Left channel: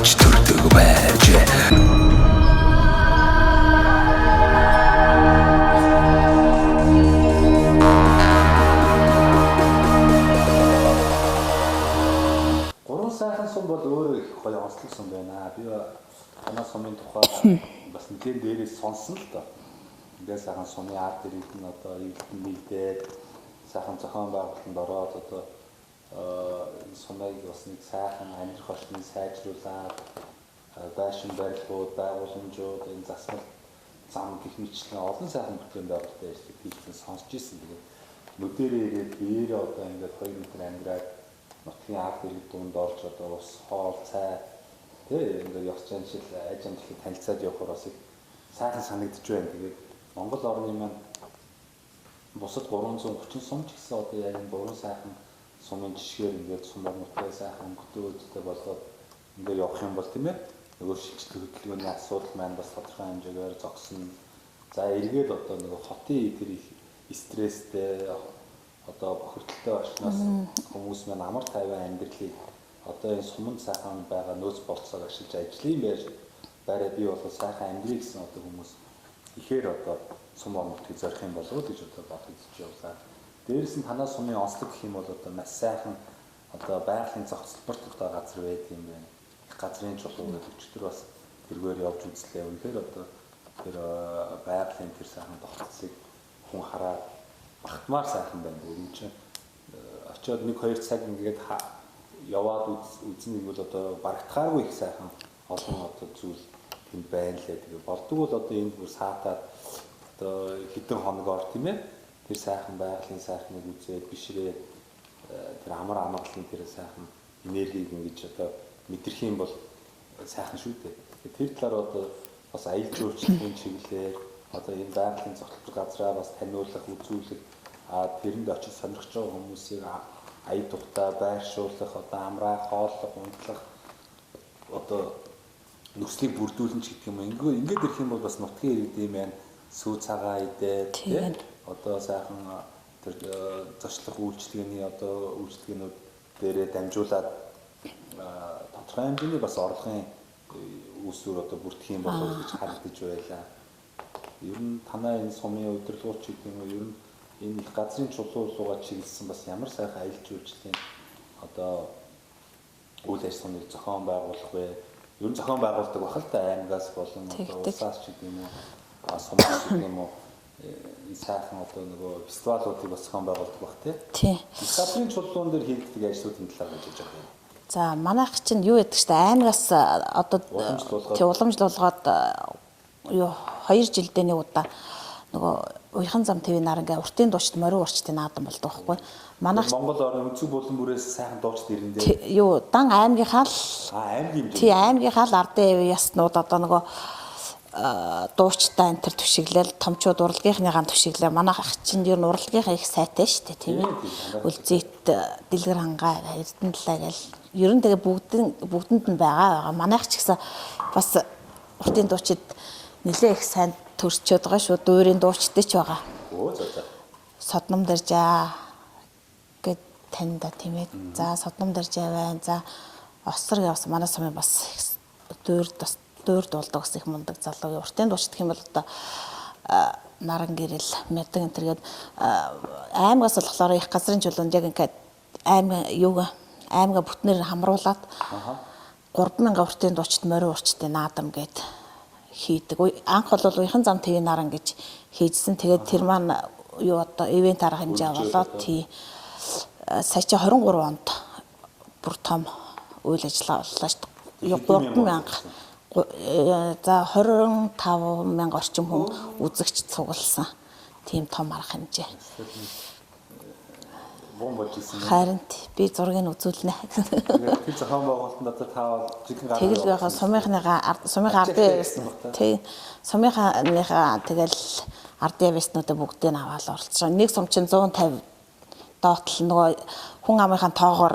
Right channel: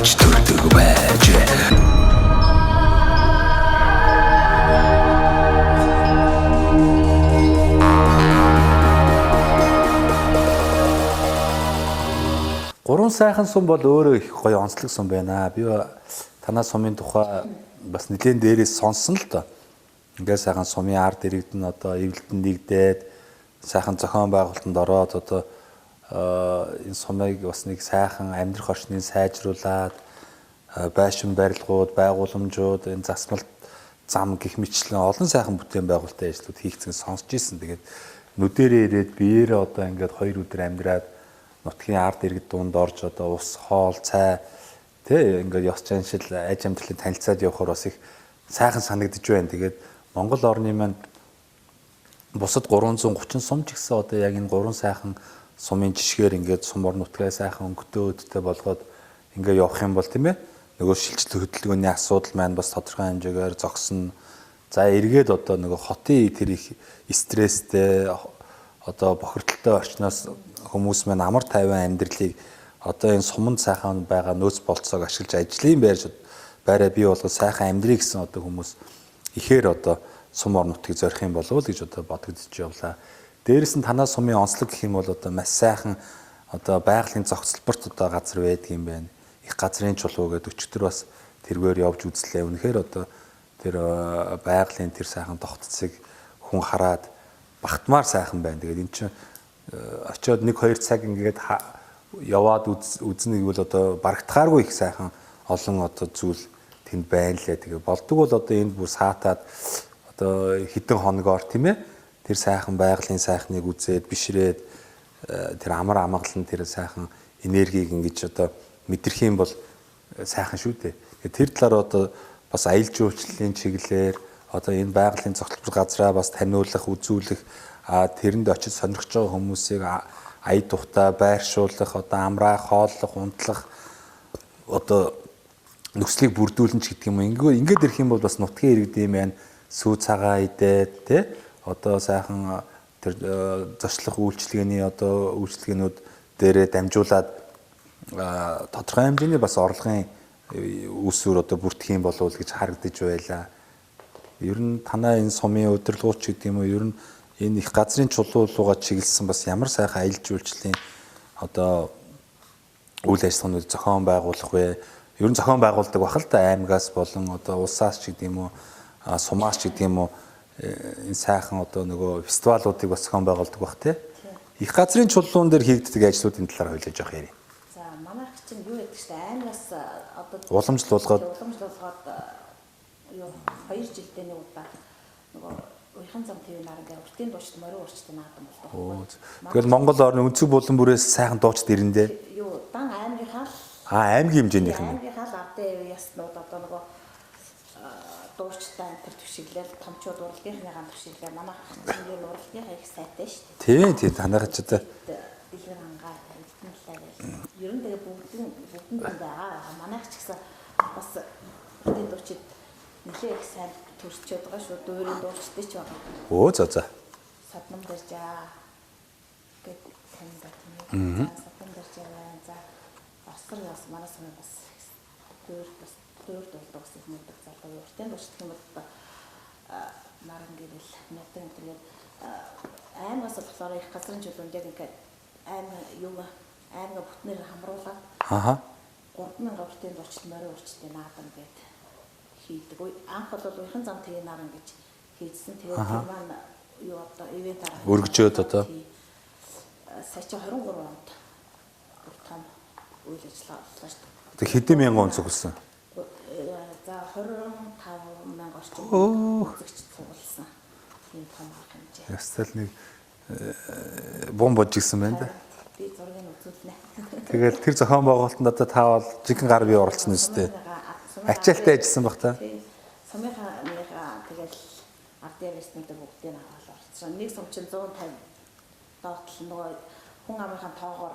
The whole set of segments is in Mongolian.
Авч төрдөг байж. Гурван сайхан сум бол өөрөө их гоё онцлог сум байна. Би танаа сумын тухай бас нэлээд дээрээс сонссон л доо. Ингээд сайхан сумын ард иргэд нь одоо эвлэлтэнд нэгдээд сайхан зохион байгуулалтанд ороод одоо энэ сумыг бас нэг сайхан амьдрах орчныг сайжруулад байшин барилгууд, байгууламжууд, энэ засмал зам гэх мэтлэн олон сайхан бүтээн байгуулалтын ажлууд хийгдсэн сонсч ирсэн. Тэгээд нүдэрээ ирээд биеэрээ одоо ингээд 2 өдөр амьдраад нутгийн ард иргэд дунд орж одоо ус, хоол, цай тэ ингээд ёс заншил, аж амьдралыг танилцаад явхаар бас их сайхан санагдж байна. Тэгээд Монгол орны маань бусад 330 сум ч гэсэн одоо яг энэ 3 сайхан сумын жишгээр ингээд сум ор нутгаа сайхан өнгөтэй өдтэй болгоод ингээд явах юм бол тийм ээ нөгөө шилжилт хөдөлгөөний асуудал маань бас тодорхой хэмжээгээр зогсно. За эргээд одоо нөгөө хотын тэр их стресстэй одоо бохирдолтой орчноос хүмүүс маань амар тайван амьдралыг одоо энэ суманд сайхан байгаа нөөц болцоог ашиглаж ажлын байраа бий болгож сайхан амьдрий гэсэн одоо хүмүүс ихээр одоо сум ор нутгийг зорих юм болов уу гэж одоо бодогдож явлаа. Дээрээс нь танаа сумын онцлог гэх юм бол одоо маш сайхан одоо байгалийн зохицолборт одоо газар байдаг юм байна. Их газрын чулуу гэдэг өчтөр бас тэргээр явж үзлээ. Үнэхээр одоо тэр байгалийн тэр сайхан тогтцыг хүн хараад багтмаар сайхан байна. Тэгээд эн чинь очиод 1-2 цаг ингээд яваад үзнэ гэвэл одоо барагдахааргүй их сайхан олон одоо зүйл тэнд байна лээ. Тэгээд болдог бол одоо энд бүр саатаад одоо хэдэн хоногоор тийм ээ тэр сайхан байгалийн сайхныг үзээд бишрээд тэр амар амгалан тэр сайхан энергийг ингэж одоо мэдрэх юм бол сайхан шүү дээ. Тэр талаар одоо бас аялал жуулчлалын чиглэлээр одоо энэ байгалийн зохицол газраа бас таниулах, үзүүлэх, тэрэнд очиж сонирхож байгаа хүмүүсийг ая тухтай байршуулах, одоо амраах, хооллох, унтлах одоо нөхцөлийг бүрдүүлэн ч гэдэг юм. Ингээд ирэх юм бол бас нутгийн иргэд юм байна. Сүү цагаа идээд тий одоо сайхан тэр зочлох үйлчилгээний одоо үйлчилгээнүүд дээрээ дамжуулаад тодорхой хэмжээний бас орлогын үүсвэр одоо бүртгэх юм болов уу гэж харагдаж байлаа. Ер нь танаа энэ сумын удирдлагууч гэдэг юм уу ер нь энэ их газрын чулуулууга чиглэсэн бас ямар сайхан аялал жуулчлалын одоо үйл ажиллагаанууд зохион байгуулах вэ? Ер нь зохион байгуулдаг бах л да аймагаас болон одоо улсаас ч гэдэг юм уу сумаас ч гэдэг юм уу энэ сайхан одоо нөгөө фестивалуудыг бас зохион байгуулдаг бах тий. Их газрын чулуун дээр хийгддэг ажлуудын талаар хэлж явах юм. За манайх чинь юу гэдэг чинь аймагаас одоо уламжлуулгаад юу 2 жилдээ нэг удаа нөгөө уяхан зам ТV нарангаа уртын дуучид морин урчтын наадам болдог байхгүй. Манайх Монгол орны өнцөг булан бүрээс сайхан дуучид ирэндээ. Юу дан аймгийнхаа л аймгийн хэмжээний. Тий аймгийнхаа л ардын яснууд одоо нөгөө дуучтай энэ төр түшиглэл томчууд урлагийнхныгаа түшиглээ. Манайх чинь ер нь урлагийнхаа их сайтай шүү дээ. Тий танайх ч дэлгэр хангаа эрдэнэ талаа гэл ер нь тэгээ бүгдэнд нь байгаа. Манайх ч гэсэн бас уртын дуучид нэлээ их сайн төрчөөд байгаа шүү. Дуурийн дуучтай ч байгаа. Өө за. Содном дэржаа гэд таньда тийм ээ. За содном дэржаа байна. За осор явсан манай сумын бас дуурд болдог бас их мундаг залуу. Уртын дуучид гэх юм бол одоо наран гэрэл мэдэн энэ төргээд аймагаас болохоор их газрын чулуунд яг ингээд аймага бүтнээр хамруулад 3000 уртын дуучид морин урчтын наадам гэд хийдэг. Анх бол уяхан зам ТV наран гэж хийжсэн. Тэгээд тэр маань юу одоо ивент арга хэмжээ болоод тий сая чи 23 онд бүр том үйл ажиллагаа боллоо шүү дээ. Хэдэн мянган цугласан? За 25,000 орчим хүн үзэгч цугласан. Тийм том арга хэмжээ. Ястал нэг бом божигсан байна. Харин би зургийг үзүүлнэ. Тэгээд тэр зохион байгуулалтанд одоо та бол жигэн гаргийн орсон юм шүү. Сумын ажилласан баг та. Тийм. Сумынхаа тэгэл ардын явснуудаа бүгдийг аваад оролцсон. Нэг сум чинь 150 доотл нөгөө хүн амынхаа тоогоор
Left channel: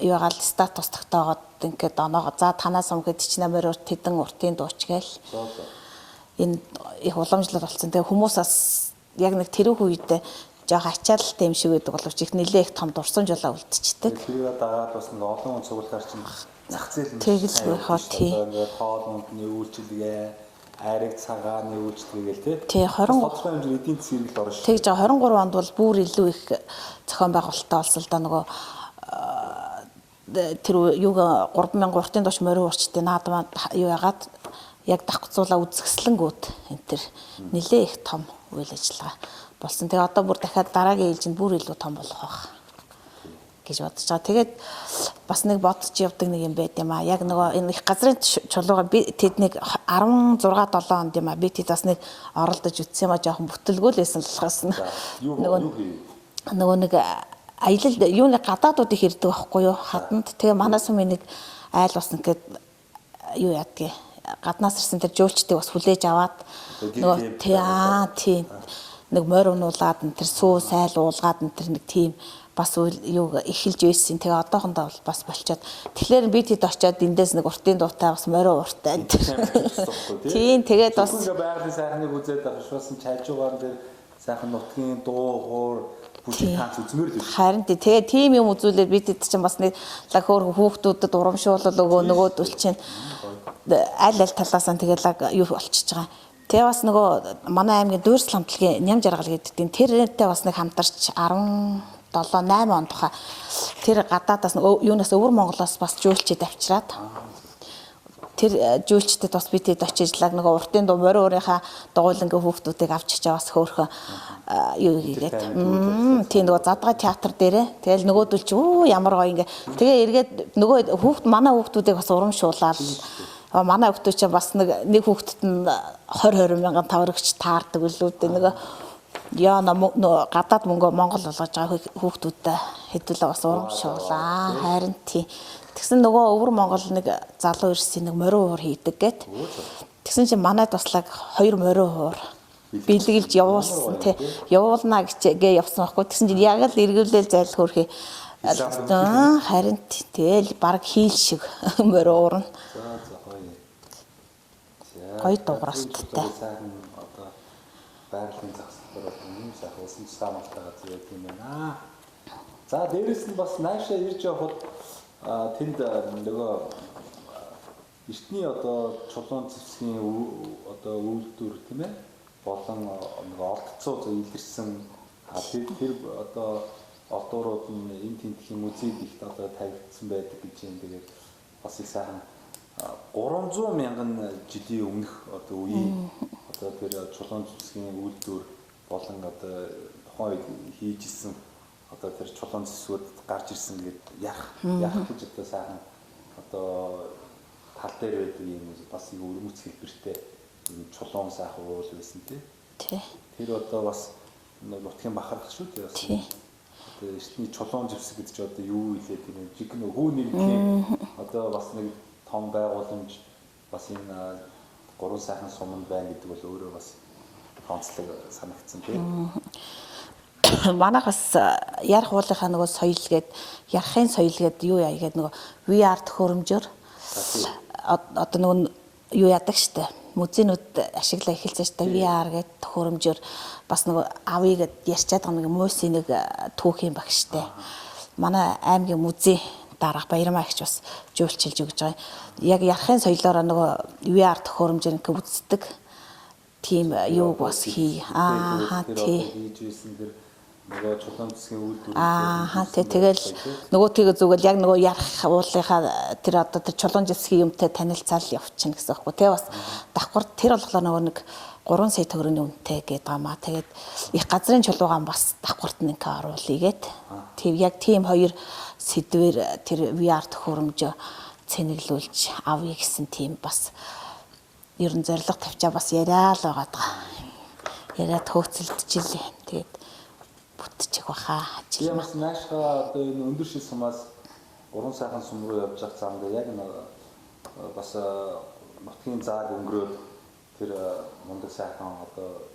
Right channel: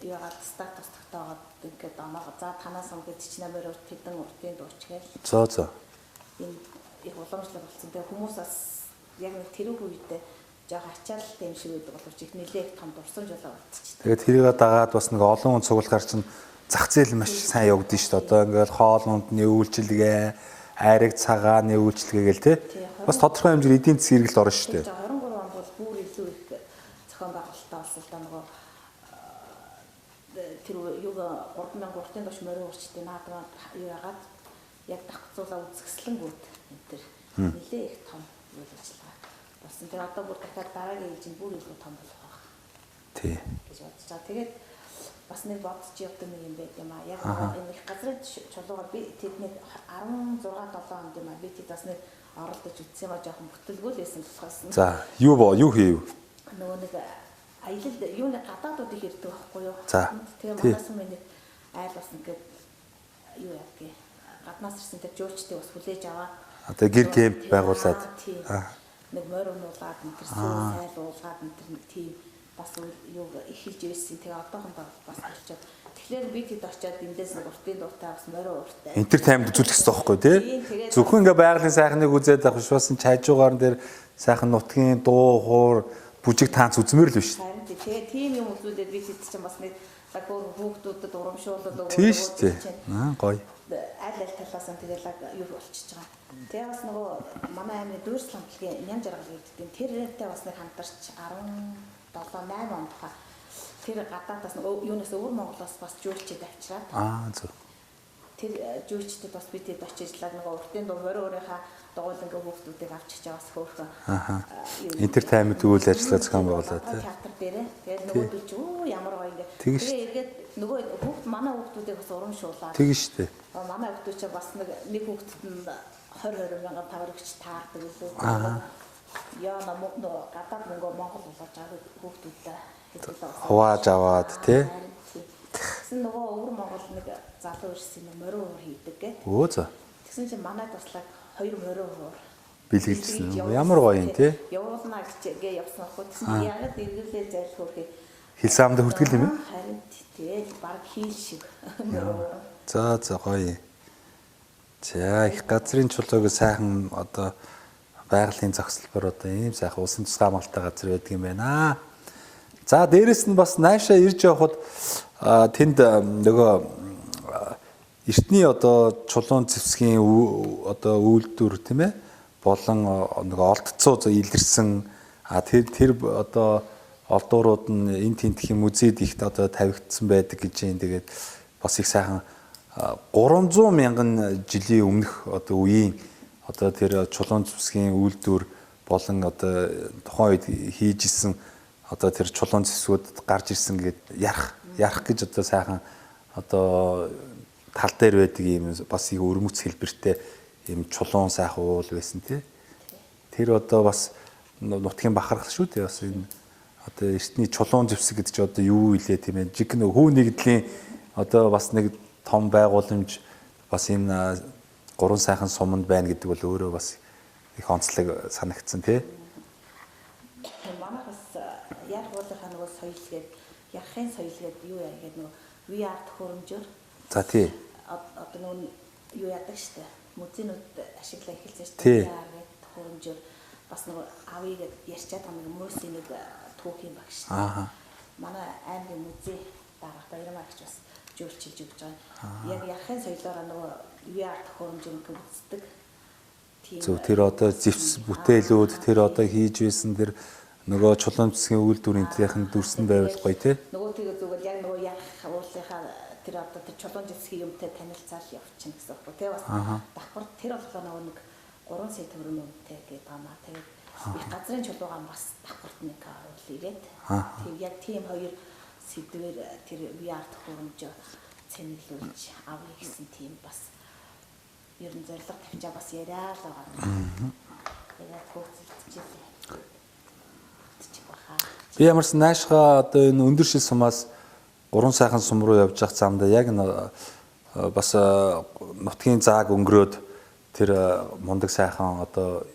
юугаал статус тогтоогоод ингээд оноогоо за танаас өмгөд ч намаар урт хэдэн уртын дууч гээл. За. Энэ их уламжлал болсон. Тэгээ хүмүүс бас яг нэг тэрүүх үед жоох ачаалалтай юм шиг байдаг боловч их нэлээ их том дурсамж болоо үлдчихдэг. Тэгээд тэрийг дагаад бас нэг олон хүн цуглахаар чинь зах зээл маш сайн явагдаж шүү дээ. Одоо ингээд хоолнуудны үйлчилгээ, айраг цагааны үйлчилгээ гэл тий. бас тодорхой хэмжээгээр эдийн засгийн хэрэгэлд орно шүү дээ. Тэгж 23 онд бол бүр илүү их зохион байгуулалттай болсон л да нөгөө тэр юуг 3000 уртын дош морин урчтын наадмаа юу ягаад яг давхцуулаа үзэсгэлэнгүүд энэ тэр нэлээ их том үйл ажиллагаа болсон. Тэгээ одоо бүр дахиад дараагийн ээлжинд бүр илүү том болох байх. Тий. гэж бодож байгаа. Тэгээд бас нэг бодож явдаг нэг юм байт юм аа. Яг нөгөө энэ их газрын чулууга би тэднийг 16 7 онд юм аа. Би тэд бас нэг оролдож үтсэн юм аа жоохон бүтлгүүл байсан болохоос. За, юу хийв? Нөгөө нэг аялал юуны гадаадуудыг ирдэг байхгүй юу? Хатанд. Тэгээ манай сумын нэг айл бас ингээд юу яадгийг гаднаас ирсэн тэр жуулчдыг бас хүлээж аваад одоо гэр кемп байгуулад тийм нэг морь унуулаад энэ тэр сүү сайл уулгаад энэ тэр нэг тийм бас юу эхэлж байсан. Тэгээ одоохондоо бол бас болчиход. Тэгэхээр би тэд очиод эндээс нэг уртын дуутай бас морин уртай. Интер тайм үзүүлэх хэрэгтэй байхгүй тий? Тийм тэгээд бас зөвхөн ингээ байгалийн сайхныг үзээд авах биш бас чайжуугаар дээр сайхан нутгийн дуу хуур бүжиг таанц үзмээр л биш. Харин тэгээ тийм юм үзүүлээд би тэд чинь бас нэг лаг хөөр хүүхдүүдэд урамшуулал нөгөөд үлчин. Гоё. Аль талаасаа тэгээ лаг юу болчихж байгаа. Тэгээ бас нөгөө манай аймгийн дүүрсэл хамтлагийн ням жаргал гэдэг тэрнтэй бас нэг хамтарч 17-8 он тухай тэр гадаадаас юунаас өвөр Монголоос бас жуулчид авчираад тэр жуулчдад бас бид хэд очиж лаг нөгөө уртын дуу морин өөрийнхөө дугуйлангийн хүүхдүүдийг авч чаа бас хөөхөө юу гэдэг таймд үйл ажиллагаа тийм нөгөө задгай театр дээрээ тэгэл нөгөөдөл чи ямар гоё ингээ тэгээ эргээд нөгөө манай хүүхдүүдийг бас урамшуулаад манай хүүхдүүд чинь бас нэг хүүхдэд нь 20 мянган таврагч таардаг үлээ нөгөө яа гадаад мөнгө Монгол болгож байгаа хүүхдүүдтэй хэдүүлээ бас ууршаад харин тий. Тэгсэн нөгөө өвөр Монгол нэг залуу ирсэн нэг морин уур хийдэг гэд. Тэгсэн чинь манайд туслаг 2 морин уур бэлгэлж явуулсан тий. Явуулна гэгээ явсан байхгүй. Тэгсэн чинь яг л эргүүлээл зайл хөрхий хисамд хөтгөл. Харин тэгэл баг хийл шиг морин уур нь. За гоё. За их газрын чулууг сайхан одоо байгалийн зохицолбор одоо ийм сайхан улсын тусгай хамгаалалттай газар байдаг юм байна. За дээрэс нь бас наашаа ирж явхад тэнд нөгөө эртний одоо чулуун зэвсгийн одоо үйлдвэр тийм ээ болон нөгөө олдцоо илэрсэн тэр одоо олдуурууд нь энэ тентхийн музейд ихт одоо тавигдсан байдаг гэж юм. Тэгээд бас их сайхан 300 мянган жилийн өмнөх одоо үеийн одоо тэр чулуун зэвсгийн үйлдвэр болон одоо тухайн үед хийж исэн одоо тэр чулуун зэвсгүүд гарч ирсэн гэд ярах гэж одоо сайхан одоо тал дээр байдаг юм бас их өрмөц хэлбэртэй юм чулуун сайхан уул байсан тий. Тэр одоо бас нутгийн бахархал шүү дээ бас энэ одоо эртний чулуун зэвсэг гэдэг чинь одоо юу илээ тийм ээ жиг хүү нэгдлийн одоо бас нэг том байгууламж бас энэ 3 сайхан суманд байна гэдэг бол өөрөө бас их онцлог санагдсан тий. Манайх бас ярих уулынхаа нөгөө соёл гээд ярахын соёл гээд юу яа гээд нөгөө VR төхөөрөмжөөр за тий одоо нөгөө юу яадаг штэ музейнүүд ашиглаа эхэлсэн штэ VR гээд төхөөрөмжөөр бас нөгөө авъя гэд ярьчаад байгаа нэг муусын нэг түүх юм баг штэ. Манай аймгийн музей дараах Баярмаа ихч бас жуулчилж өгж байгаа. Яг ярахын соёлоор нөгөө VR төхөөрөмжөөр ингээ үздэг. Тийм юу бүтээлүүд тэр одоо хийж байсан тэр нөгөө чулуун зэвсгийн үйлдвэрийн дүүсэн байх гоё тий. Нөгөө тэгээ зүгэл яг нөгөө ярах уулынхаа тэр одоо тэр чулуун зэвсгийн юмтай танилцаал явчихна гэсэн байхгүй тий. Бас давхар тэр болохоор нөгөө нэг 3 сая төгрөгийн үнэтэй гэдэг гамаа. Тэгээд их газрын чулуугаан бас давхарт нэг оруулъя гээд. Тийм яг тийм хоёр сэдвэр тэр VR төхөөрөмжөө цэнэглүүлж авъя гэсэн тийм бас ерөн зориг тавьчаа бас яриа л байгаа даа. Яриад хөөцөлдөж илээ. Тэгээд бүтчих баха. Би ямарсан наашгаа одоо энэ өндөр шил сумаас 3 сайхан сум руу явж явах замдаа яг бас нутгийн зааг өнгөрөөд тэр мундаг сайхан одоо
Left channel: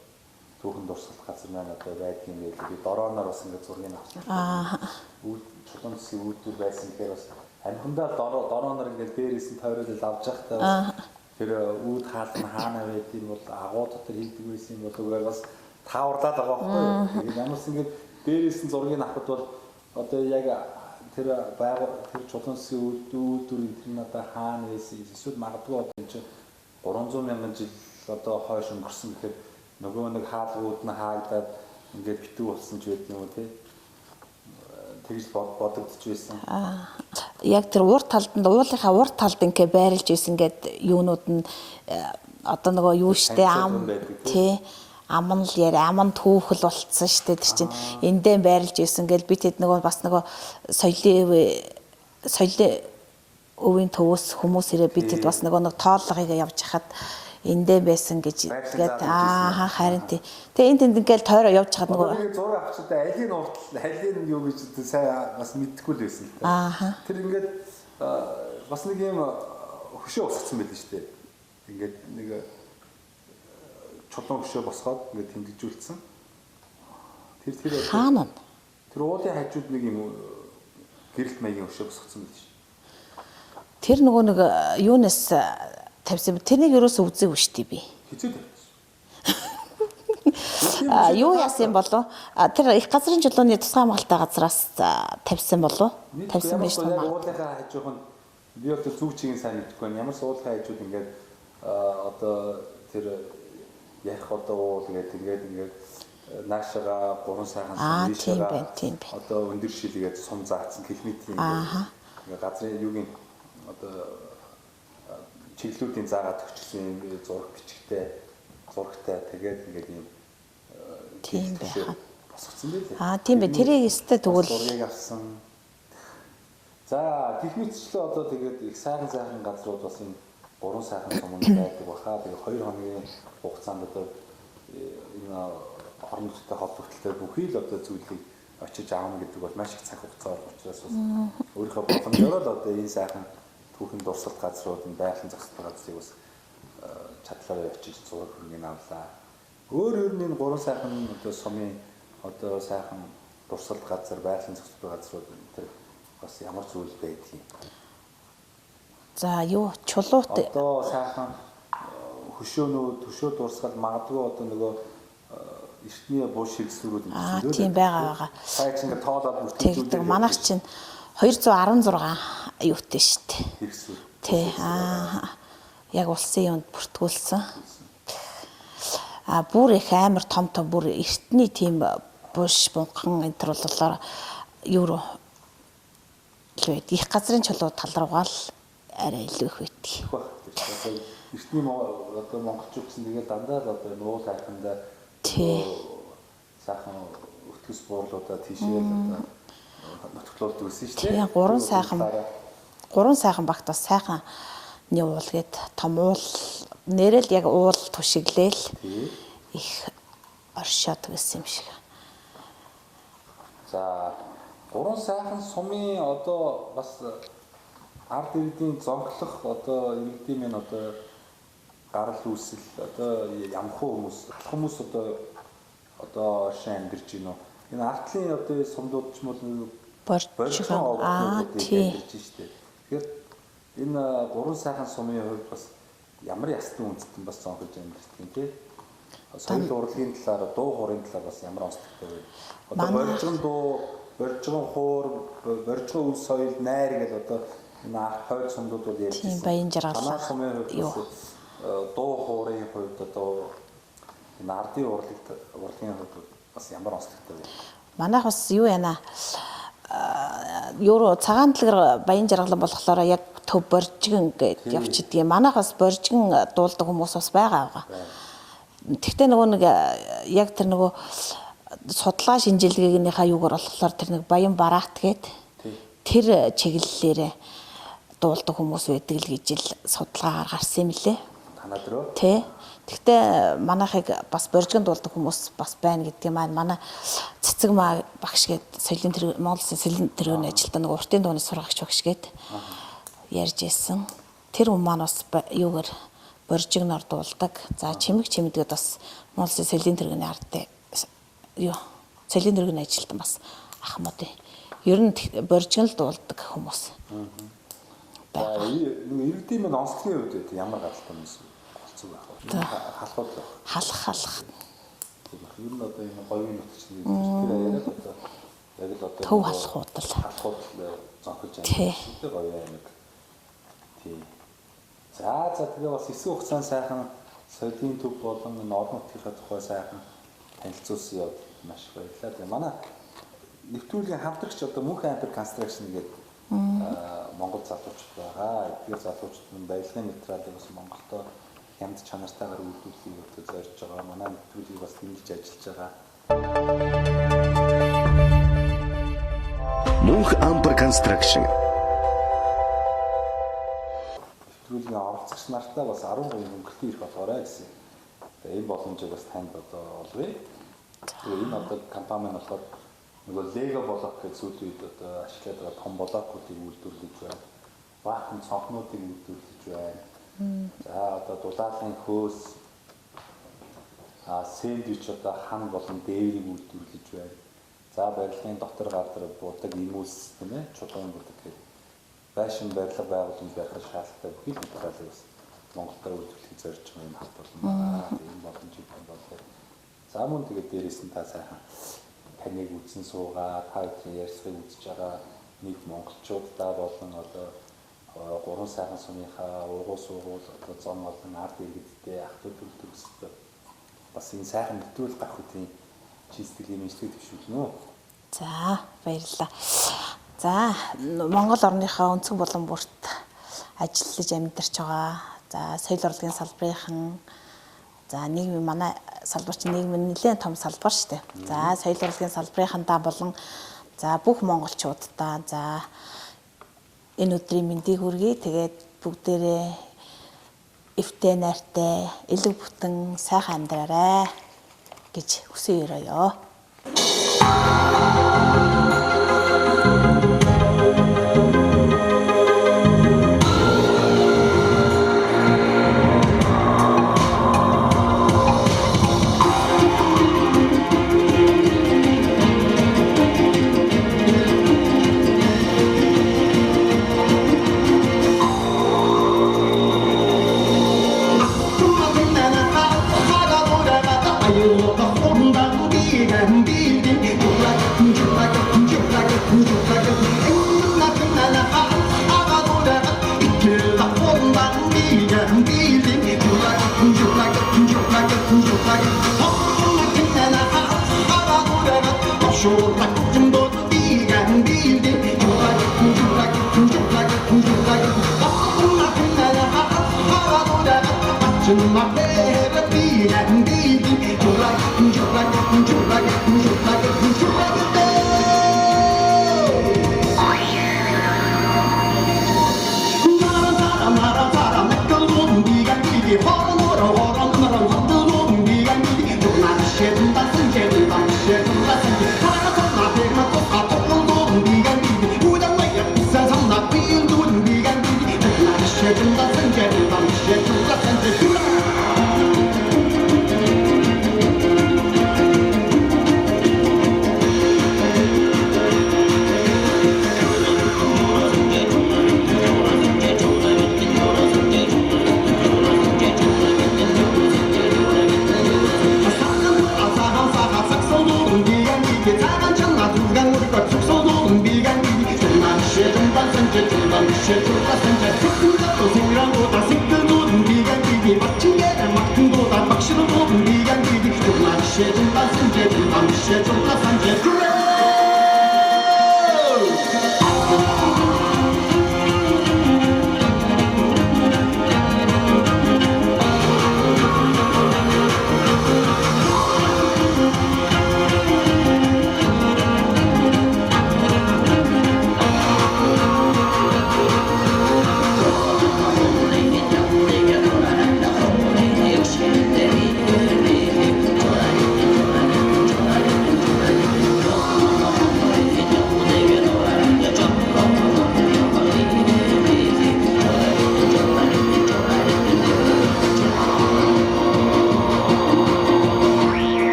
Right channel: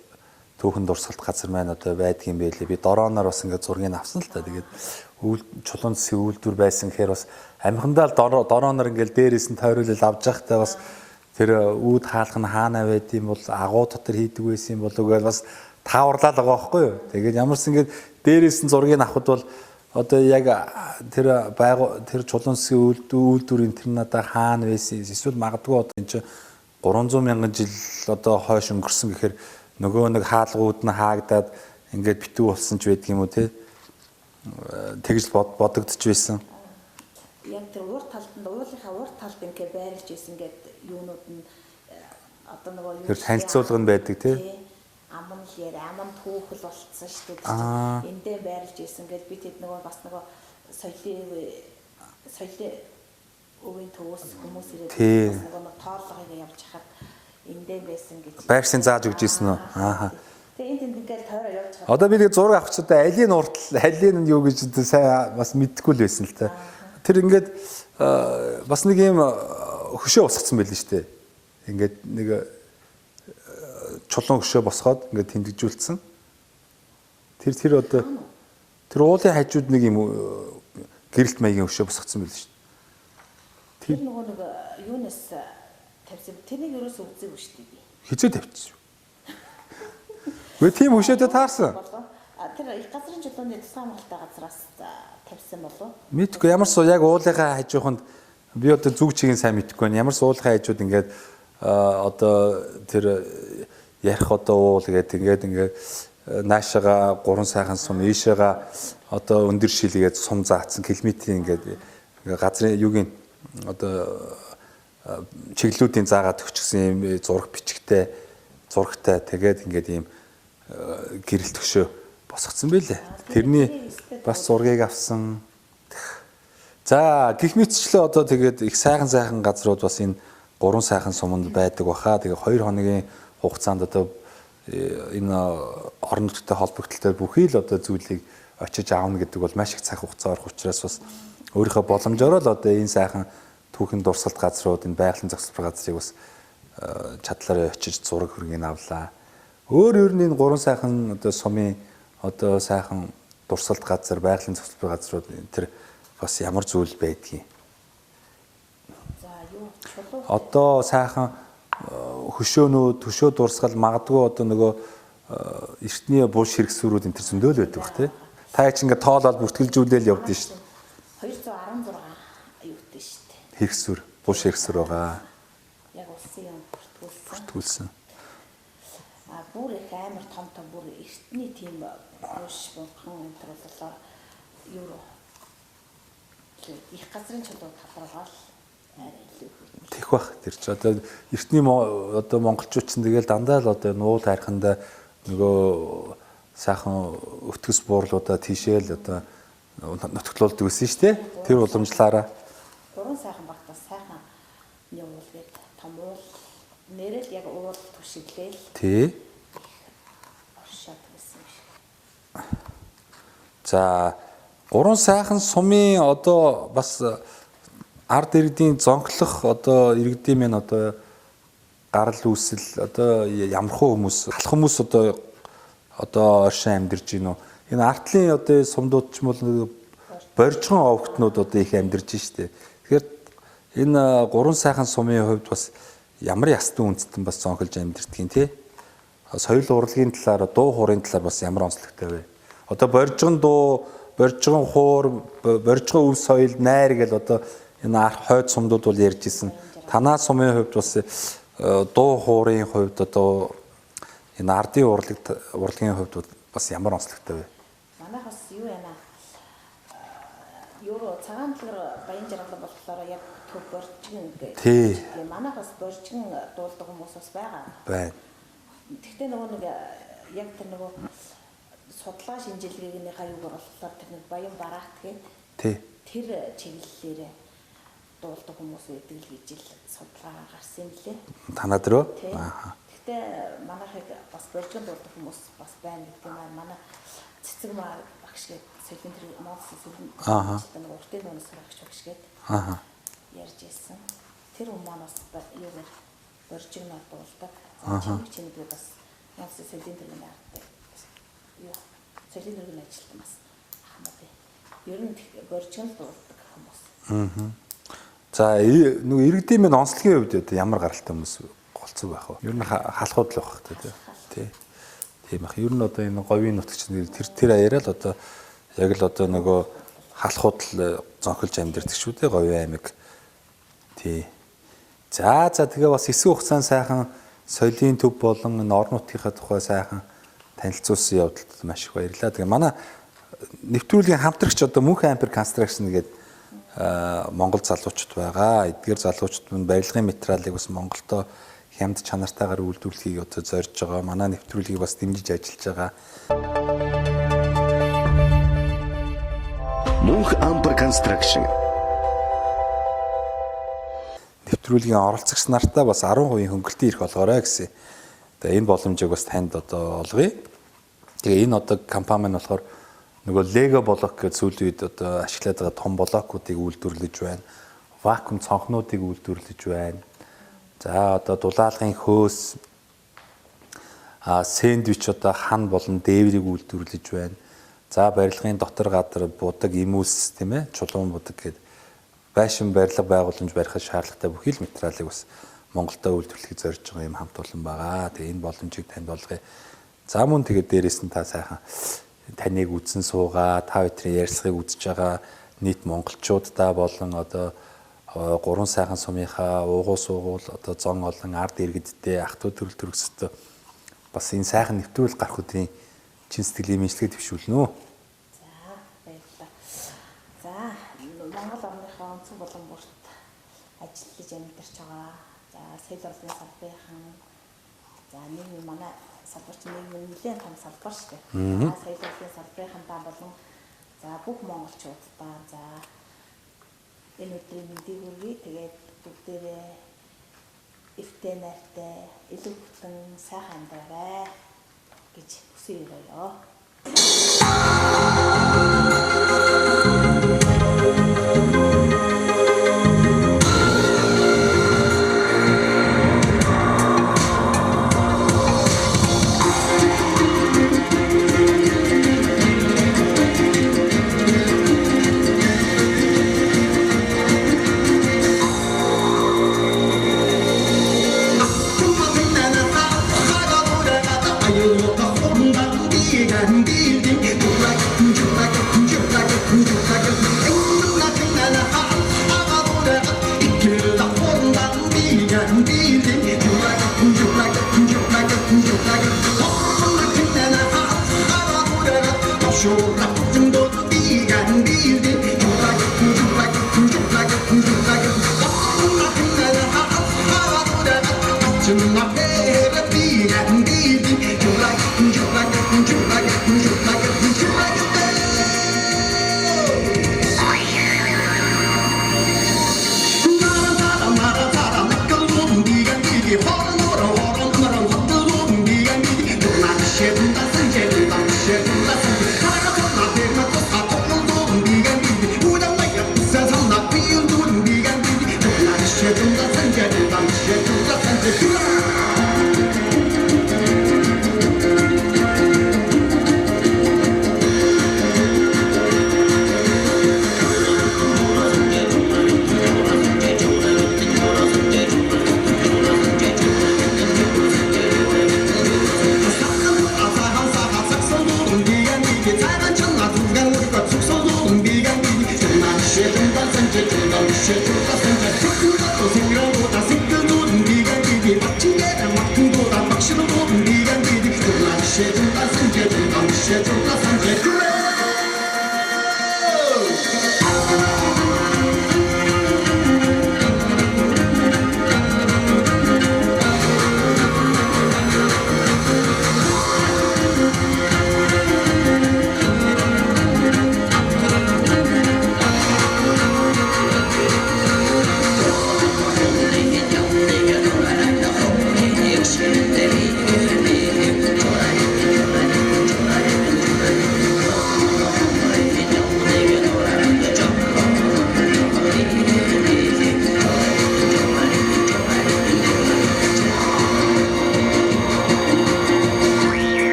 түүхэн дурсгалт газар маань одоо байдгийн байлээ. Би дорооноор бас ингээд зургийг авсан л та. Тэгээд чулуун зэвсгийн үйлдвэр байсан гэхээр бас амхандаа л дорооноор ингээд дээрээс нь тойруулал авч явахтай бас тэр үүд хаалх нь хаана байд юм бол агуу дотор хийдэг байсан юм болов гэж бас тааварлаад байгаа байхгүй юу. Тэгээд ямарс ингээд дээрээс нь зургийг авахд бол одоо яг тэр тэр чулуун засгийн үйлдвэрийн тэр надаа хаана байсан эсвэл магадгүй одоо энэ чинь 300 мянган жил одоо хойш өнгөрсөн гэхээр нөгөө нэг хаалгууд нь хаагдаад ингээд битүү болсон ч байдаг юм уу те тэгж бодогдож байсан. Яг тэр урд талд уулынхаа урд талд ингээ байрлаж исэн гэд юунууд нь одоо нөгөө юу штэ тий аман л яри аман түүхэл болцсон штэ тэр чинь эндээ байрлаж исэн гэл би тэд нөгөө бас нөгөө соёлын өвийн төвөөс хүмүүс ирээ би тэд бас нөгөө нэг тоолгыг явж хахад эндээ байсан гэж байрсын заал гэж ийсэн үү. Харин тий. Тэгээ энд ингээл тойроо явж хаад. Одоо би нэг зураг авах ч удаа алийн уртл алийн нь юу гэж сайн бас мэдэхгүй л байсан л та. Тэр ингээд бас нэг юм хөшөө босгоцсон байл нь штэ. Ингээд нэг чулуун хөшөө босгоод ингээд тэмдэглүүлсэн. Тэр одоо тэр уулын хажууд нэг юм гэрэлт маягийн хөшөө босгоцсон байл штэ. Тэр нөгөө нэг юунаас тавьсан тэрнийг ерөөсөө үзээгүй штий би. Хизээ тавьчихсан. Тийм үшээд таарсан болов. Тэр их газрын чулууны тусгай хамгаалтай газраас тавьсан болов. Мэдгүй ямар суу яг уулынхаа хажууханд би одоо зүг чигийн сайн мэдэхгүй байна. Ямар суу уулынхаа хажууд ингээд одоо тэр ярих одоо уул гэдэг ингээд наашаага 3 сайхан сум ийшээга одоо өндөр шилгээд сум заацсан километрийн ингээд газрын юугийн одоо чиглэлүүдийн заагаад өгчихсэн юм зураг бичгтэй зурагтай тэгээд ингээд ийм гэрэл төгшөө босгоцсон байлээ. Тийм ээ тэрийг өстэй тэгвэл зургийг авсан. За гэх мэтчлээ одоо тэгээд их сайхан газрууд бас энэ 3 сайхан суманд байдаг баха. Тэгээд 2 хоногийн хугацаанд одоо энэ орон нутгийн холбогдлолтой бүхий л одоо зүйлийг очиж аавна гэдэг бол маш их цаг хугацаа орох учраас бас өөрийнхөө боломжоор л одоо энэ сайхан түүхэн дурсгалт газрууд энэ байгалийн зохицол газрыг бас чадлаараа очиж зураг хөргийг авлаа. Өөр нь энэ 3 сайхан одоо сумын одоо сайхан дурсгалт газар байгалийн зохицол газрууд тэр бас ямар зүйл байдгийг. За юу чулуут одоо сайхан хөшөөнүүд төшөө дурсгал магадгүй одоо нөгөө эртний буш хэрэгсүүрүүд энэ зөндөө л байдаг тийм. Та ч ингээд тоолоод бүртгэлжүүлээл явдаг шүү. Манай чинь 216 юутэй шүү дээ. Хэрэгсүүр, буш хэрэгсүүр байгаа. Яг улсын юмд бүртгүүлсэн. Бүр их амар том бүр эртний тийм буш бунхан энэ төр боллоо юу руу их газрын чулуу тал руугаа л арай илүү их байт. Их бах тэр ч одоо эртний одоо монголчууд ч тэгэл дандаа л одоо нуу тайрхандаа нөгөө сайхан өтгөс буурлуудаа тийшээл одоо нотглуулдаг гэсэн шүү дээ. Тэр уламжлаараа 3 сайхан багт бас сайхан нэг уул гээд том уул нэрэл яг уул тушиглээл их оршоод гэсэн юм шиг. За 3 сайхан сумын одоо бас ард иргэдийн зонхлох одоо иргэдийн мэн одоо гарал үүсэл одоо ямархуу хүмүүс алх хүмүүс одоо оршин амьдарч гинөө. Энэ артлын одоо сумдууд ч юм бол боржгон овогтнууд одоо их амьдарч штэ. Тэгэхээр энэ 3 сайхан сумын хувьд бас ямар ястан үндэстэн бас зонхолж амьдэрдгийг тий. Соёл урлагийн талаар дуу хуурын талаар бас ямар онцлогтой вэ? Одоо боржгон дуу, боржгон хуур, боржгон өв соёл найр гэл одоо энэ хойд сумдууд бол ярьж ирсэн. Танаа сумын хувьд бас дуу хуурын хувьд одоо энэ ардын урлагийн хувьд бас ямар онцлогтой вэ? Манайх бас юу яана юу цагаан дэлгэр баян жаргалан болохоор яг төв боржгон гэж явчихдаг юм. Манайх бас боржгон дуулдаг хүмүүс бас байгаа. Тэгтээ нөгөө нэг яг тэр нөгөө судлаа шинжилгээгийнхаа юугаар болохоор тэр нэг баян бараат гээд тэр чиглэлээрээ дуулдаг хүмүүс байдаг л гэж л судалгаагаар гарсан юм лээ. Танад руу? Тий. Тэгтээ манайхыг бас боржгон дуулдаг хүмүүс бас байна гэдэг юм аа. Манай цэцэг маа багш гээд соёлын тэр Монгол соёлын тэргийн ажилтаа нэг уртын дууны сургагч багш гээд ярьж ирсэн. Тэр хүн маань бас юугаар боржгоноор дуулдаг. За чимэг чимэдгээд бас Монгол соёлын тэргийн ардтай юу соёлын тэргийн ажилтан бас ахмад. Ер нь боржгон л дуулдаг хүмүүс. За нөгөө иргэдийн мэн онцлогийн хувьд ямар гаралтай хүмүүс голцог байх вэ? Ер нь халахуд л байх. Халах. Тийм ах. Ер нь одоо энэ говийн нутагч тэр яриа л одоо Яг л одоо нөгөө худал. халахуудл зонхилж амьдардаг шүү дээ Говийн аймаг. Тий. За тэгээ бас эсвэн хугацаанд сайхан соёлын төв болон энэ орон нутгийнхаа тухай сайхан танилцуулсан явдалд маш их баярлалаа. Тэгээ манай нэвтрүүлгийн хамтрагч одоо Мөнх Ампер Construction гэдэг Монгол залуучууд байгаа. Эдгээр залуучууд нь барилгын материалыг бас Монголдо хямд чанартайгаар үйлдвэрлэхийг одоо зорж байгаа. Манай нэвтрүүлгийг бас дэмжиж ажиллаж байгаа. Мөнх Ампер Construction Нэвтрүүлгийн оролцогч нартаа бас 10% хөнгөлтийн эрх олгоорой гэсэн. Тэгээ энэ боломжийг бас танд одоо олгоё. Тэгээ энэ одоо компани нь болохоор нөгөө Lego блок гэж сүүлийн үед одоо ашиглаад байгаа том блокуудыг үйлдвэрлэж байна. Вакуум цонхнуудыг үйлдвэрлэж байна. За одоо дулаалгын хөөс сэндвич одоо хан болон дээврийг үйлдвэрлэж байна. За барилгын дотор гадар будаг имүүлс тийм ээ чулуун будаг гэдэг байшин барилга байгууламж барихад шаардлагатай бүхий л материалыг бас Монголдо үйлдвэрлэхийг зорж байгаа юм хамт олон байгаа. Тэгээ энэ боломжийг танд олгоё. За мөн тэгээд дээрээс нь та сайхан таныг үзэн суугаа, та бүхэн ярьцлагыг үзэж байгаа нийт монголчуудаа болон одоо гурван сайхан сумынхаа уугуул суугуул одоо зон олон ард иргэдтэй ах トゥ төрөл төрөсөд бас энэ сайхан нэвтрүүлэг гарах өдрийн чин сэтгэлийн мэдлэгээ төвшүүлнэ үү. За баярлалаа. За Монгол орныхоо өнцөг болон бүрт ажиллаж амьдарч байгаа. За соёл урлагийн салбарынхан за нийгмийн манай салбар чинь нийгмийн нэлээд том салбар шүү дээ. За соёл урлагийн салбарынхандаа болон за бүх монголчуудаа за энэ өдрийн мэндийг хүргэе. Тэгээд бүгдээрээ эвтэй найртай элэг бүтэн сайхан амьдраарай гэж хүсье өрөөё.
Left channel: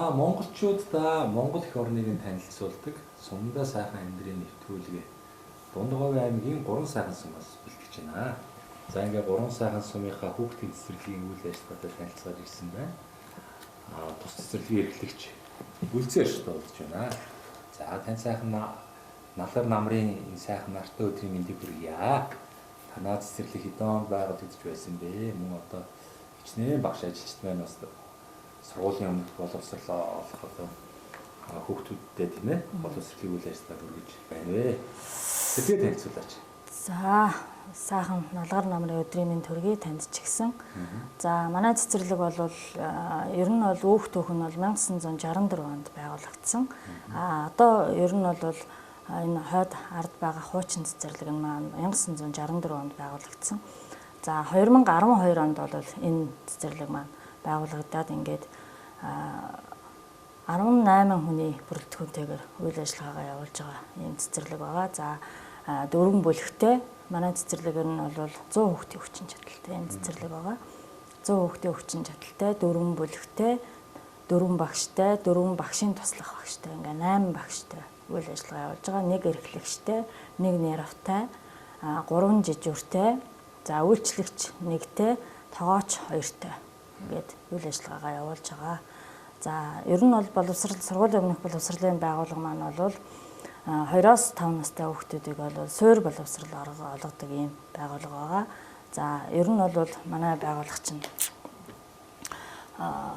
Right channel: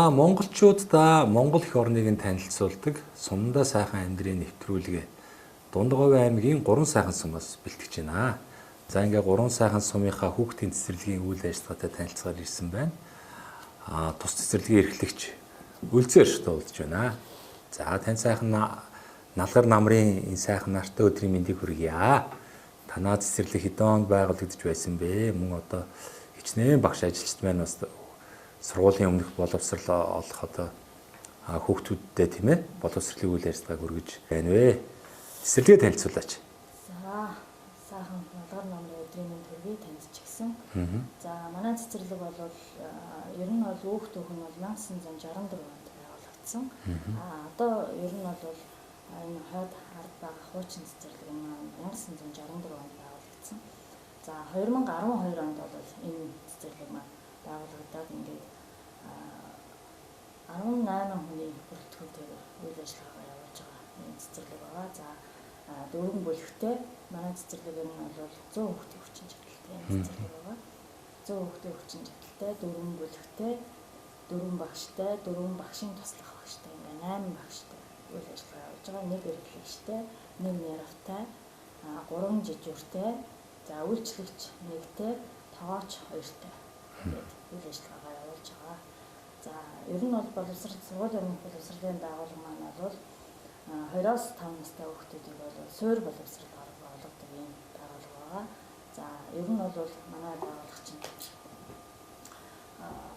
За монголчуудаа Монгол эх орныг нь танилцуулдаг Сумдаа сайхан амьдрын нэвтрүүлгээ Дундгавь аймгийн 3 сайхан сумаас бэлтгэж байна. За ингээ 3 сайхан сумынхаа хүүхдийн цэцэрлэгийн үйл ажиллагаатай танилцахаар ирсэн байна. Тус цэцэрлэгийн эрхлэгч Үлзээр туулж байна. За тань сайхан налгар намрын энэ сайхан нартай өдрийн мэндийг хүргье. Танаа цэцэрлэг хэдэн байгуулагдж байсан бэ? Мөн одоо хичнээн багш ажилчид маань бас сургуулийн өмнөх боловсрол олох одоо хүүхдүүдтэй тийм ээ боловсролын үйл ажиллагааг хүргэж байна вэ? Цэцэрлэгээ танилцуулаач. За сайхан налгар намрын өдрийн мэнд төргий таньдчихсан. За манай цэцэрлэг бол ер нь бол өөх төөх нь бол 1964 онд байгуулагдсан. Одоо ер нь бол энэ хойд ард байгаа хуучин цэцэрлэг нь маань 1964 онд байгуулагдсан. За 2012 онд бол энэ цэцэрлэг маань байгуулагдаад ингээд 18 хүний бүрэлдэхүүнтэйгээр үйл ажиллагаагаа явуулж байгаа ийм цэцэрлэг байгаа. За дөрвөн бүлэгтэй манай цэцэрлэг нь бол 100 хүүхдийн хүчин чадалтай ийм цэцэрлэг байгаа. 100 хүүхдийн хүчин чадалтай, дөрвөн бүлэгтэй, дөрвөн багштай, дөрвөн багшийн туслах багштай ингээ 8 багштай үйл ажиллагаа явуулж байгаа. Нэг эрхлэгчтэй, нэг нервтай, 3 жижүүртэй, за үйлчлэгч нэгтэй, тоогооч 2-тэй ингээд үйл ажиллагаагаа явуулж байгаа. За ер нь бол боловсрол сургуулийн өмнөх боловсролын байгууллага маань бол 2-5 настай хүүхдүүдийг бол суур боловсрол олгодог ийм байгууллага байгаа. За ер нь бол манай байгууллага чинь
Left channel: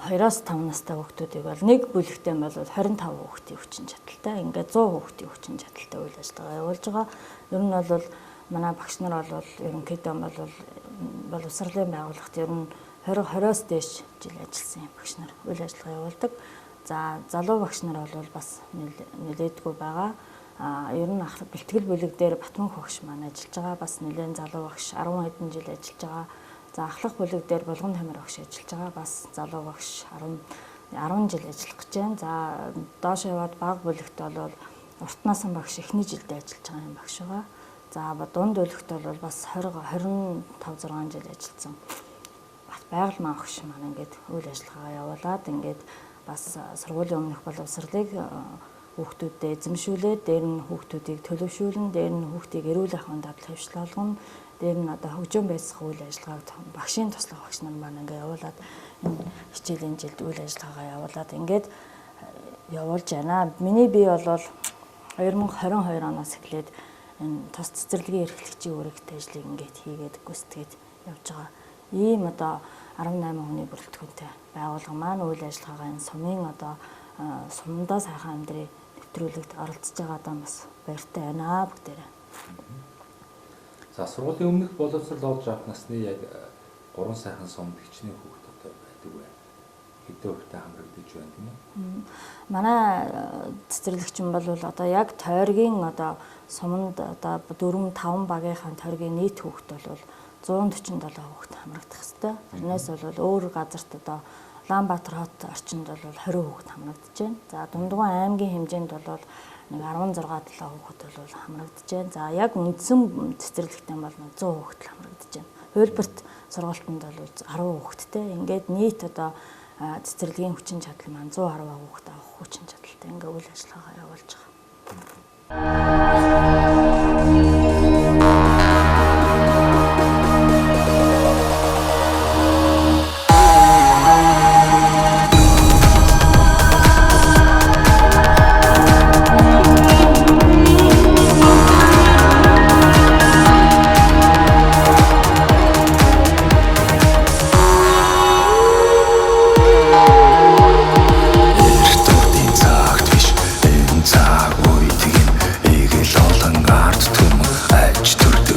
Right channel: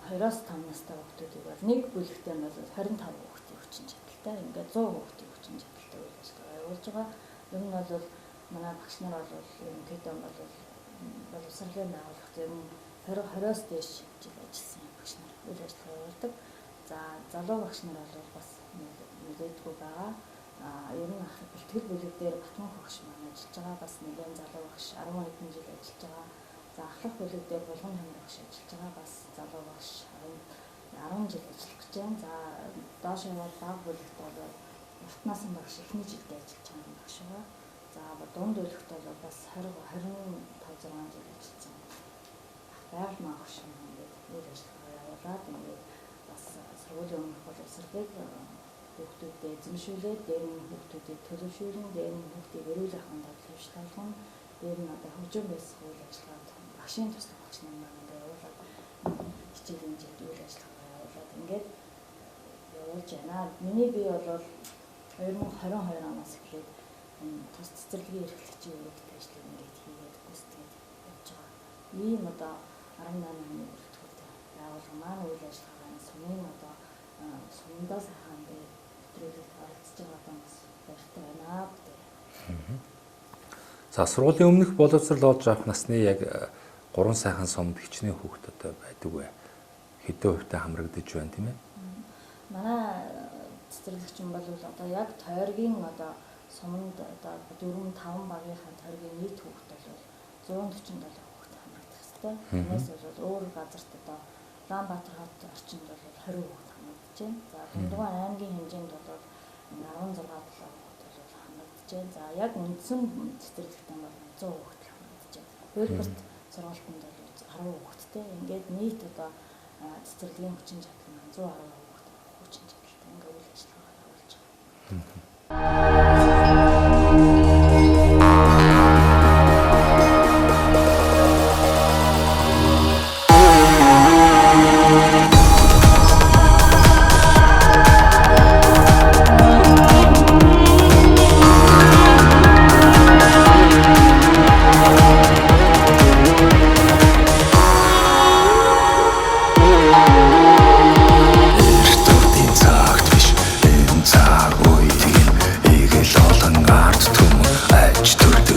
2-5 настай хүүхдүүдийг бол нэг бүлэгтээ бол 25 хүүхдийн хүчин чадалтай ингээд 100 хүүхдийн хүчин чадалтай үйл ажиллагаа явуулж байгаа. Ер нь бол манай багш нар бол ерөнхийдөө бол боловсролын байгууллагт ер нь 20-20-оос дээш жил ажилласан багш нар үйл ажиллагаа явуулдаг. За залуу багш нар бол бас нэлээдгүй байгаа. Ер нь бэлтгэл бүлэг дээр Батмунх багш маань ажиллаж байгаа. Бас нэлээд залуу багш 10 хэдэн жил ажиллаж байгаа. За ахлах бүлэг дээр Булган Тамир багш ажиллаж байгаа. Бас залуу багш 10 жил ажиллах гэж байна. За доош яваад баг бүлэгт бол Уртнасан багш эхний жилдээ ажиллаж байгаа юм багш байгаа. За дунд бүлэгт бол бас 25-6 жил ажилласан. Байгаль маагш маань ингээд үйл ажиллагаа явуулаад ингээд бас сургуулийн өмнөх боловсролыг хүүхдүүдэд эзэмшүүлээд дээр нь хүүхдүүдийг төлөвшүүлнэ, дээр нь хүүхдийг эрүүл ахуйн дадал хөвшлүүлгэн, дээр нь одоо хөгжөөн байсах үйл ажиллагааг багшийн туслах багш нар маань ингээд явуулаад хичээлийн жилд үйл ажиллагаагаа явуулаад ингээд явуулж байна. Миний бие бол 2022 оноос эхлээд энэ тус цэцэрлэгийн эрхлэгчийн үүрэгтэй ажлыг ингээд хийгээд гүйцэтгээд явж байгаа. Ийм одоо 18 хүний бүрэлдэхүүнтэй байгууллага маань үйл ажиллагаагаа энэ сумын одоо Сумдаа сайхан амьдрын нэвтрүүлэгт оролцож байгаадаа бас баяртай байна бүгдээрээ. За сургуулийн өмнөх боловсрол олж авах насны яг 3 сайхан сумд хичнээн хүүхдүүд байдаг вэ? Хэдэн хүүхдэд хамрагдаж байна тийм ээ? Манай цэцэрлэгч юм бол одоо яг тойргийн одоо суманд одоо 4-5 багийнхаа тойргийн нийт хүүхд бол 147 хүүхд хамрагдах хэвээр. Тэрнээс бол өөр газарт одоо Улаанбаатар хот орчинд бол 20 хүүхд хамрагдаж байна. За Дундгавь аймгийн хэмжээнд бол 16-7 хүүхд бол хамрагдаж байна. За яг үндсэн цэцэрлэгтэн бол 100 хүүхд хамрагдаж байна. Хуулбарт сургалтанд бол 10 хүүхдтэй. Ингээд нийт одоо цэцэрлэгийн хүчин чадал маань 110 хүүхд авах хүчин чадалтай ингээ үйл ажиллагаагаа явуулж байгаа. Цаг үед ийг эл олон ард түмэн аж төрдөг